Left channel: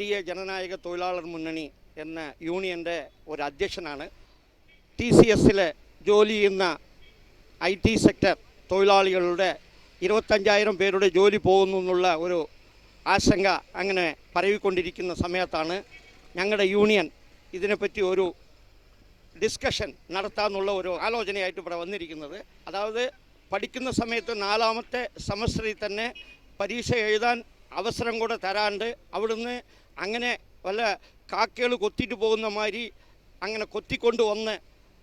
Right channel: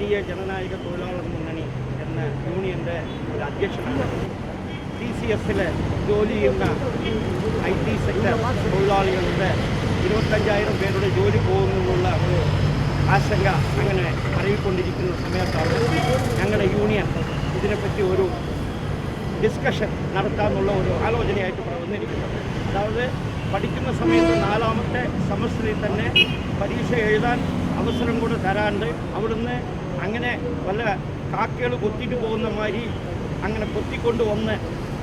പുതിയ ജനനായക തൊഴിലാളർ മുന്നണി എന്ന യൂണിയൻ്റെ ഒരു അധ്യക്ഷനാണ്. TCSൽ ജോലി ചെയ്യുന്ന IT സെക്ടർ തൊഴിലാളികളുടെ 25,000 പേരുടെ ജോലി പോകുമെന്നുള്ള ഒരു ആശങ്ക അങ്ങനെ പറയിക്കൊണ്ടിരിക്കുന്ന സമയത്താണ് ഞങ്ങളുടെ യൂണിയൻ ഇതിനെപ്പറ്റി ഒരു ഡിസ്കഷൻ നടത്താമെന്നുള്ള ഒരു ആലോചനയായിട്ട് ഇവിടെ വന്നിരിക്കുന്നത്. അതായത് പഠിക്കുന്ന സമയത്ത് 4ാമത്തെ സെമസ്റ്ററിൽ തന്നെ പരീക്ഷ എഴുതാൻ അവസരം കൂടെ തരാണ്ട് അവിടുന്ന് അങ്ങനെ വല്ല കാക്കകൾ കൊത്തിയിട്ട് പോകുന്ന മാതിരി അങ്ങനെ കൊത്തിക്കൊണ്ട് വന്ന്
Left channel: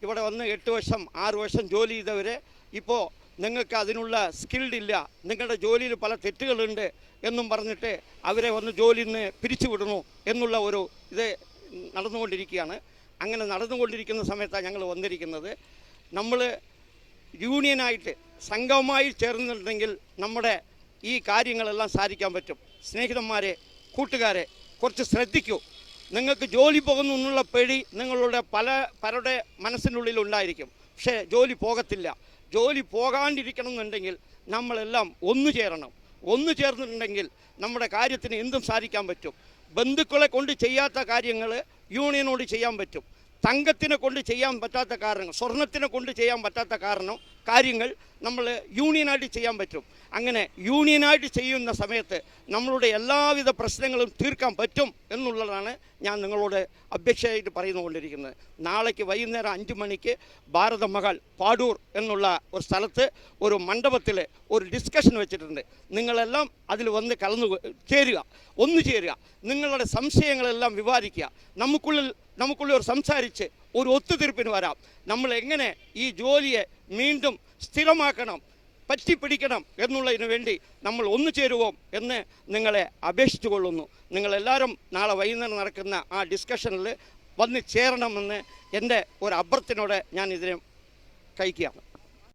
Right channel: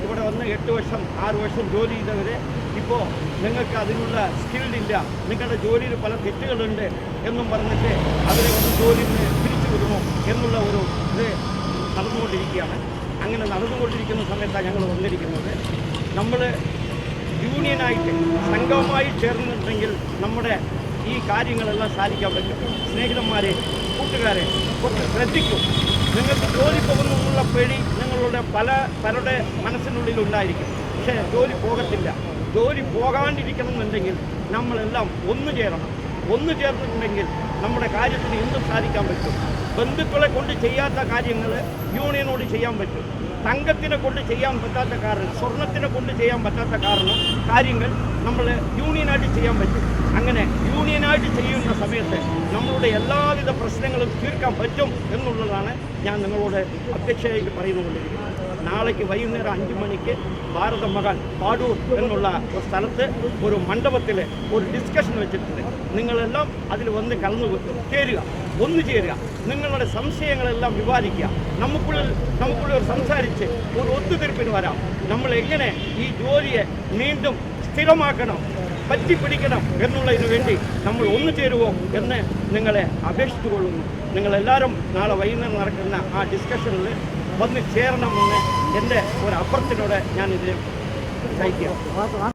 ഇവിടെ വന്ന് 8 വർഷം 6 വർഷം ജോലി ചെയ്തവരെ ഇപ്പോൾ നിങ്ങൾക്ക് അതിനുള്ള സ്കില്ലില്ല, നിങ്ങളുടെ ജോലിയിൽ പല തെറ്റുകളുണ്ട് എന്നും പറഞ്ഞിട്ട് അവരെ ഒന്ന് ജോലിയിൽ നിന്ന് പിരിച്ചു വിടണോ എന്നുള്ള ഒരു ഇത് നടന്നുകൊണ്ടിരിക്കുകയാണ്. അങ്ങനെ നടന്നുകൊണ്ടിരിക്കുന്ന സമയത്താണ് ഞങ്ങൾ വന്നിരിക്കുന്നത്. നമ്മൾ യൂണിയനായിട്ട് സംഘമായി ചേർന്നിട്ടുണ്ടെങ്കിൽ നമ്മുടെ ഈ കാര്യങ്ങളെല്ലാം സാധിക്കാൻ പറ്റും. സ്നേഹിതന്മാരെ, കൂട്ടുകാരെ, കുറച്ച് ശ്രദ്ധിക്കും. നിങ്ങൾക്ക് ജോലി പോകുന്നു എന്നുള്ള പേടി നിങ്ങളുടെ പലരുടെ മനസ്സിനുള്ളിൽ ഉണ്ടായിരിക്കും. പക്ഷേ ജോലി പോകത്തില്ല. ജോലി പോകാണ്ടിരിക്കണമെന്നുണ്ടെങ്കിൽ നമ്മളെല്ലാം ഒന്നു ചേരണം. ഒന്നു ചേർന്നിട്ടുണ്ടെങ്കിൽ നമ്മുടെ കാര്യത്തിന് എന്തും സാധിക്കാൻ പറ്റും. ബന്ധുക്കളെ കൊണ്ട് ചെയ്യാത്ത കാര്യങ്ങൾ യൂണിയനോട് ചെയ്യാൻ പറ്റും. തങ്കത്തിനെ കൊണ്ട് ചെയ്യാൻ പറ്റാത്ത കാരണം, സ്വർണത്തിനെ കൊണ്ട് ചെയ്യാൻ പറ്റാത്ത കാര്യങ്ങൾ നമ്മൾ യൂണിയനായിട്ട് ചെയ്യാൻ പറ്റും. അങ്ങനെ യൂണിയനായിട്ട് ചെയ്യുന്ന സമയത്ത് നമ്മളുടെ എല്ലാവിധ പ്രശ്നങ്ങളും തീർക്കാൻ പറ്റും എന്നുള്ളതാണ് ഞാൻ നിങ്ങളോട് അപേക്ഷയായിട്ട് പറയുന്നുകൊണ്ടിരിക്കുന്നത്. നാളേക്ക് വൈകുന്നേരം 5 മണിക്ക് ഭാരതമഹാൻ പാടൂർ എന്നുള്ള ഒരു സ്ഥലത്ത് ഒരു മണ്ഡപത്തിൽ ഒരു ഡിസ്കഷൻ വെച്ചിട്ടുണ്ട്. നിങ്ങളെല്ലാം അതിൽ വന്ന് ചേരുക, ഒന്നു ചേരുക, നിങ്ങളുടെ സംശയങ്ങളെല്ലാം വിവാദിക്കുക. നമുക്കുള്ളിൽ സംസാരിച്ച് ഒരു ഒത്തുതീർപ്പിന് വരാം. നമ്മൾ എങ്ങനെ ഈ ജോലിയെ വീണ്ടും സ്ഥിരമാക്കണം, പറ്റിപ്പിടിക്കണം എന്നുള്ളതിന് വേണ്ടി നമ്മൾ ഒന്നു ചേരുവോ എന്ന് നിങ്ങളെ അപേക്ഷിച്ചു കൊള്ളുന്നു. നിങ്ങളെല്ലാവരും നാളെ വൈകുന്നേരം നടക്കുന്ന ആ ഡിസ്കഷനിൽ വന്ന് ചേരണമെന്ന് എൻ്റെ ഒരു അഭ്യർത്ഥനയോടെ ഞാൻ ഇതിനെ സഹിക്കാം.